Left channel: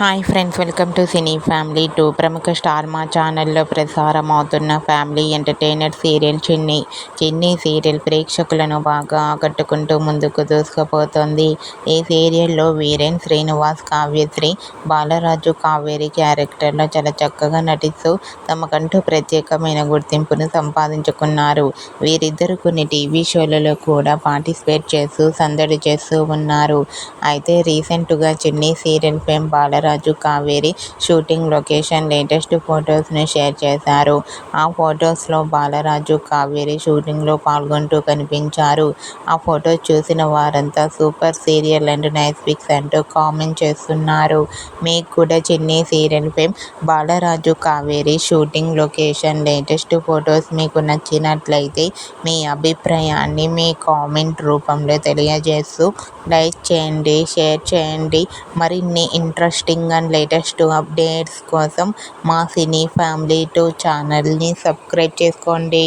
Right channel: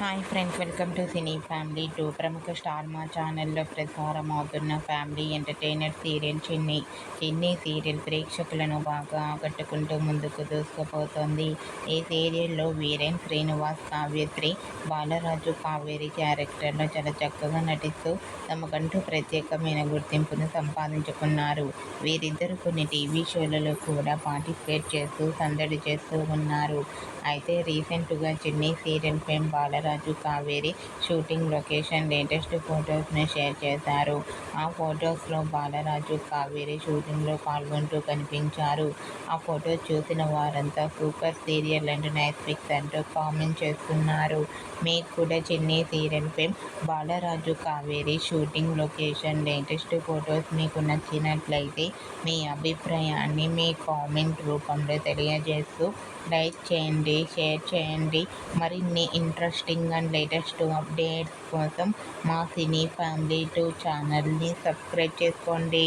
Hi friends, welcome to cine family 2. ప్రముఖ star మా ఛానల్లో ప్రసారం అవుతున్న ఫ్యామిలీ ఎంటర్టైనర్ సీరియల్ చిన్ని సీరియల్ ప్రేక్షకులను బాగా ఆకట్టుకుంటూ ముందుకు దూసుకుపోతోంది. ఈ సీరియల్లో వీరేన్ శ్రీనివాస్, కావ్యశ్రీ, బాలరాజు, కావేరి క్యారెక్టర్లో చాలా చక్కగా నటిస్తూ తమకంటూ ప్రత్యేకమైన గుర్తింపును సంపాదించుకున్నారు. వీరిద్దరూ కొన్ని టీవీ షోలలో కూడా పార్టిసిపేట్ చేస్తూ సందడి చేస్తూ ఉన్నారు. అయితే రీసెంట్గా Chinni serial fame Balaraju, Kaveri shooting location latest ఫొటోస్ను షేర్ చేశారు. ఆ ఫొటోస్లో బాలరాజు, కావేరి షూటింగ్లో పాల్గొంటూ కనిపించారు. ఆ ఫొటోస్ చూసిన వారంతా super serial and nice pics అంటూ కామెంట్ చేస్తున్నారు. మీకు కూడా Chinni serial fame Balaraju, Kaveri shooting location latest photos మీకు నచ్చినట్లయితే మీ అభిప్రాయాన్ని మీ కామెంట్ రూపంలో తెలియజేస్తూ లైక్ చేయండి, షేర్ చేయండి. మరిన్ని ఇంట్రెస్టింగ్ అండ్ లేటెస్ట్ అప్డేట్స్ కోసం మా సినీ ఫ్యామిలీ 2 ఛానల్ని సబ్స్క్రైబ్ చేసుకోండి.